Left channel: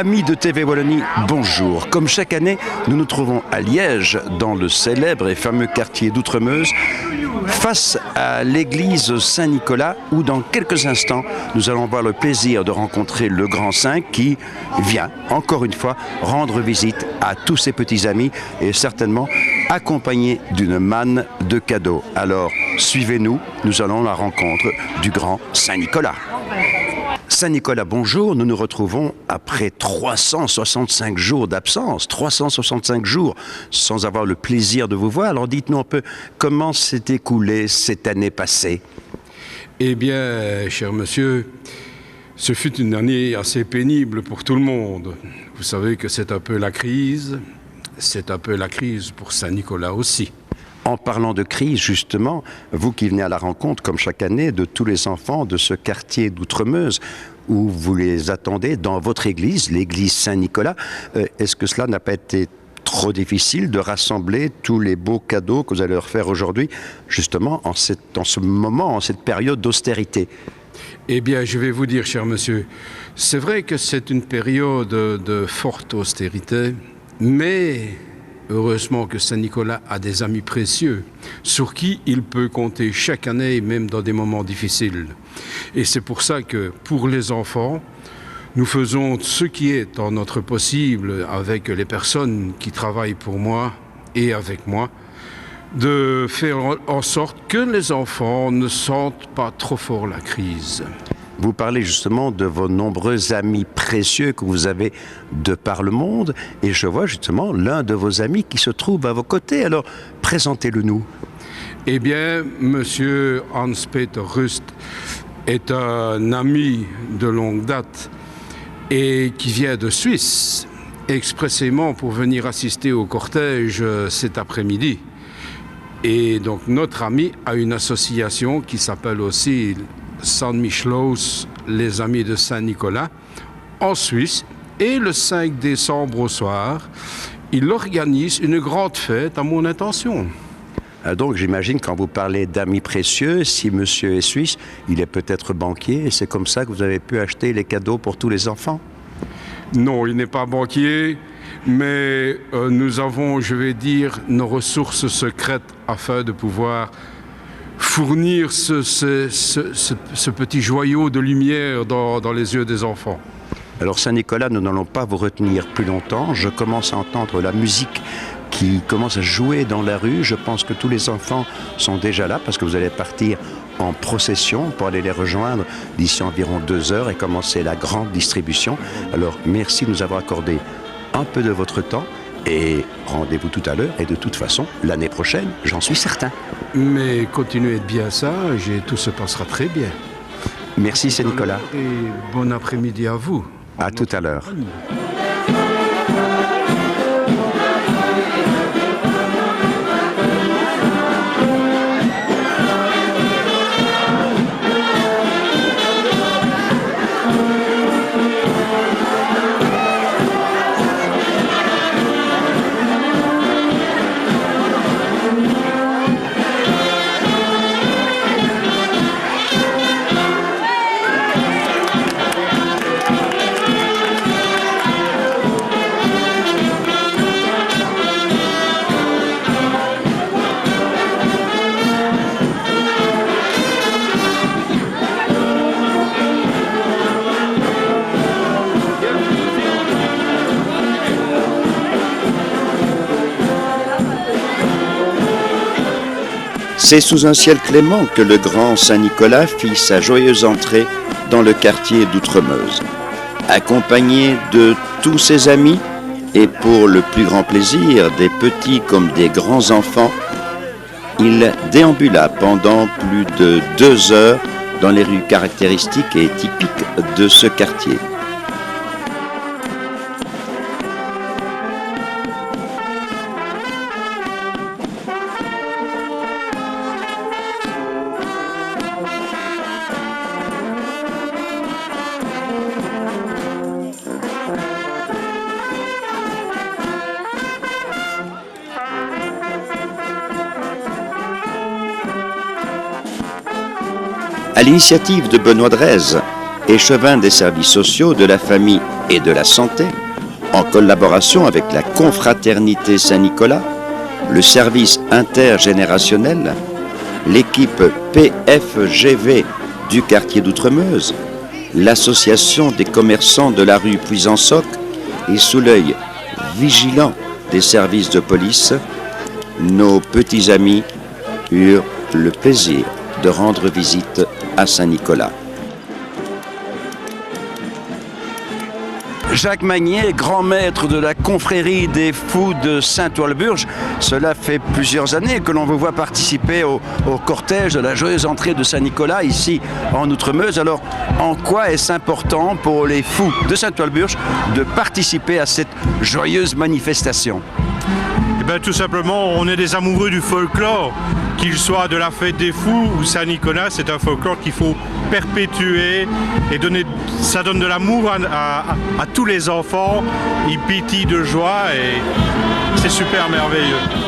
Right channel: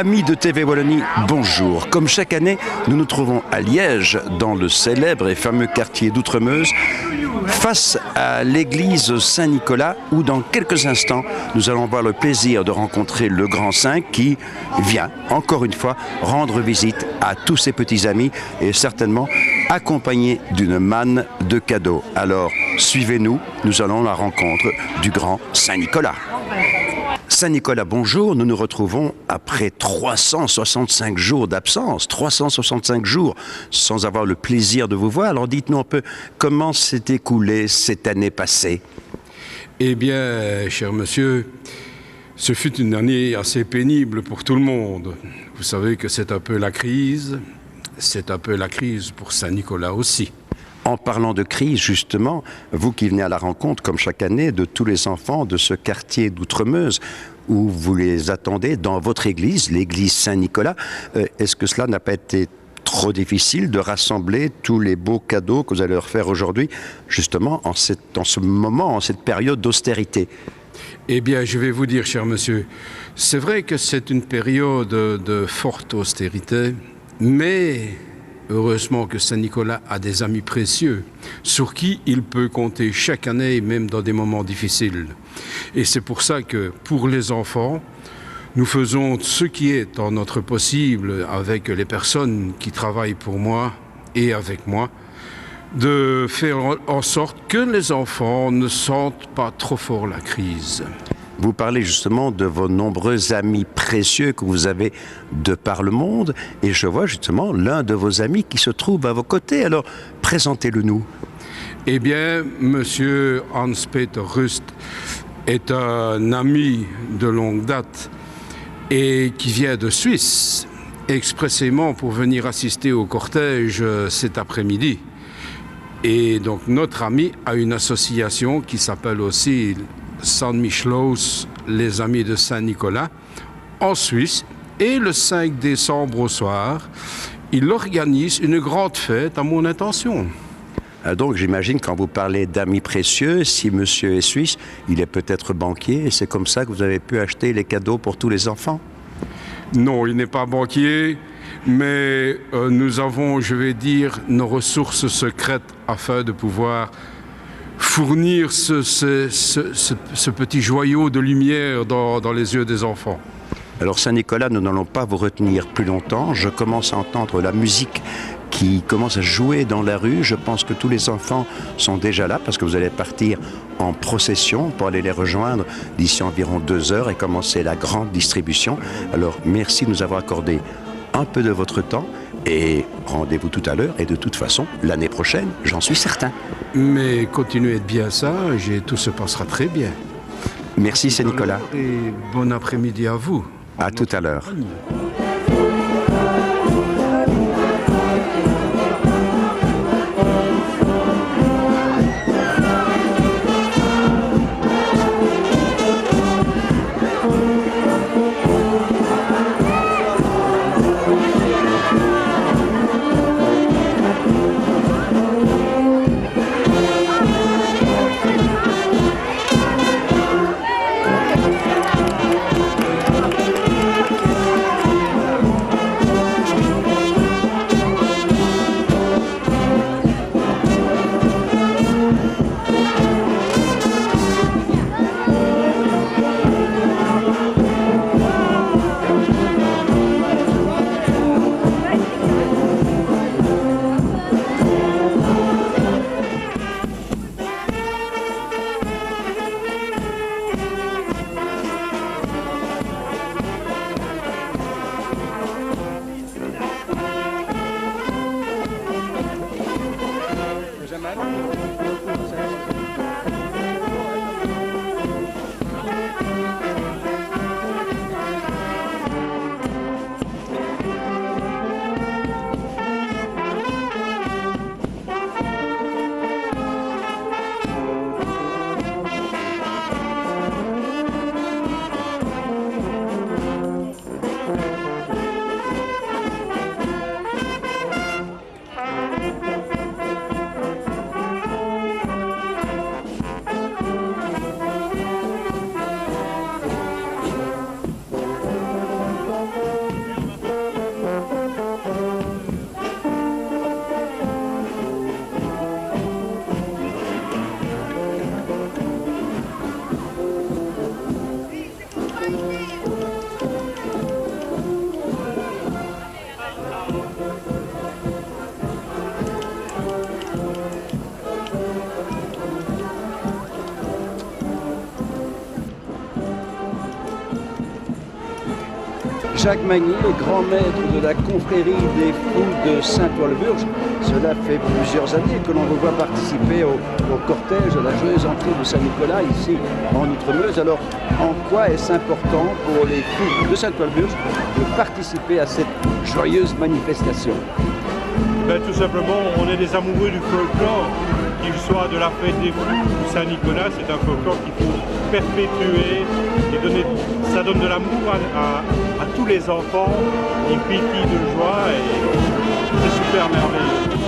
Amis de TV Wallonie, bonjour. Comme chaque année, nous nous trouvons à Liège, dans le célèbre et fameux quartier d'Outremeuse, face à l'église Saint-Nicolas, où dans quelques instants, nous allons avoir le plaisir de rencontrer le grand saint qui vient, encore une fois, rendre visite à tous ses petits amis et certainement accompagné d'une manne de cadeaux. Alors, suivez-nous, nous allons à la rencontre du grand Saint-Nicolas. Saint-Nicolas, bonjour. Nous nous retrouvons après 365 jours d'absence, 365 jours sans avoir le plaisir de vous voir. Alors dites-nous un peu comment s'est écoulée cette année passée. Eh bien, cher monsieur, ce fut une année assez pénible pour tout le monde. Vous savez que c'est un peu la crise pour Saint-Nicolas aussi. En parlant de crise, justement, vous qui venez à la rencontre, comme chaque année, de tous les enfants de ce quartier d'Outremeuse, où vous les attendez dans votre église, l'église Saint-Nicolas, est-ce que cela n'a pas été trop difficile de rassembler tous les beaux cadeaux que vous allez leur faire aujourd'hui, justement, en ce moment, en cette période d'austérité? Eh bien, je vais vous dire, cher monsieur, c'est vrai que c'est une période de forte austérité, mais heureusement que Saint-Nicolas a des amis précieux sur qui il peut compter chaque année, même dans des moments difficiles. Et c'est pour ça que, pour les enfants, nous faisons ce qui est en notre possible avec les personnes qui travaillent pour moi et avec moi, de faire en sorte que les enfants ne sentent pas trop fort la crise. Vous parlez justement de vos nombreux amis précieux que vous avez de par le monde et je vois justement l'un de vos amis qui se trouve à vos côtés. Alors, présentez-le nous. Eh bien, monsieur Hans-Peter Rust est un ami de longue date et qui vient de Suisse expressément pour venir assister au cortège cet après-midi. Et donc notre ami a une association qui s'appelle aussi San Michelaus, les amis de Saint-Nicolas, en Suisse. Et le 5 décembre au soir, il organise une grande fête à mon intention. Donc j'imagine quand vous parlez d'amis précieux, si monsieur est suisse, il est peut-être banquier et c'est comme ça que vous avez pu acheter les cadeaux pour tous les enfants? Non, il n'est pas banquier, mais nous avons, je vais dire, nos ressources secrètes afin de pouvoir fournir ce petit joyau de lumière dans les yeux des enfants. Alors Saint-Nicolas, nous n'allons pas vous retenir plus longtemps. Je commence à entendre la musique qui commence à jouer dans la rue. Je pense que tous les enfants sont déjà là parce que vous allez partir en procession pour aller les rejoindre d'ici environ 2 heures et commencer la grande distribution. Alors merci de nous avoir accordé un peu de votre temps et rendez-vous tout à l'heure et de toute façon l'année prochaine, j'en suis certain. Mais continuez de bien sage et tout se passera très bien. Merci Saint-Nicolas. Et bon après-midi à vous. À tout à l'heure. C'est sous un ciel clément que le grand Saint-Nicolas fit sa joyeuse entrée dans le quartier d'Outremeuse. Accompagné de tous ses amis et pour le plus grand plaisir des petits comme des grands enfants, il déambula pendant plus de 2 heures dans les rues caractéristiques et typiques de ce quartier. À l'initiative de Benoît Drèze, échevin des services sociaux, de la famille et de la santé, en collaboration avec la confraternité Saint-Nicolas, le service intergénérationnel, l'équipe PFGV du quartier d'Outremeuse, l'association des commerçants de la rue Puisansoc et sous l'œil vigilant des services de police, nos petits amis eurent le plaisir de rendre visite à Saint-Nicolas. Jacques Magnier, grand maître de la confrérie des fous de Saint-Ouen-le-Burge, cela fait plusieurs années que l'on vous voit participer au cortège de la joyeuse entrée de Saint-Nicolas ici en Outremeuse. Alors, en quoi est-ce important pour les fous de Saint-Ouen-le-Burge de participer à cette joyeuse manifestation? Eh bien, tout simplement, on est des amoureux du folklore, qu'il soit de la fête des fous ou Saint-Nicolas. C'est un folklore qu'il faut perpétuer et donner. Ça donne de l'amour à tous les enfants, ils pétillent de joie et c'est super merveilleux.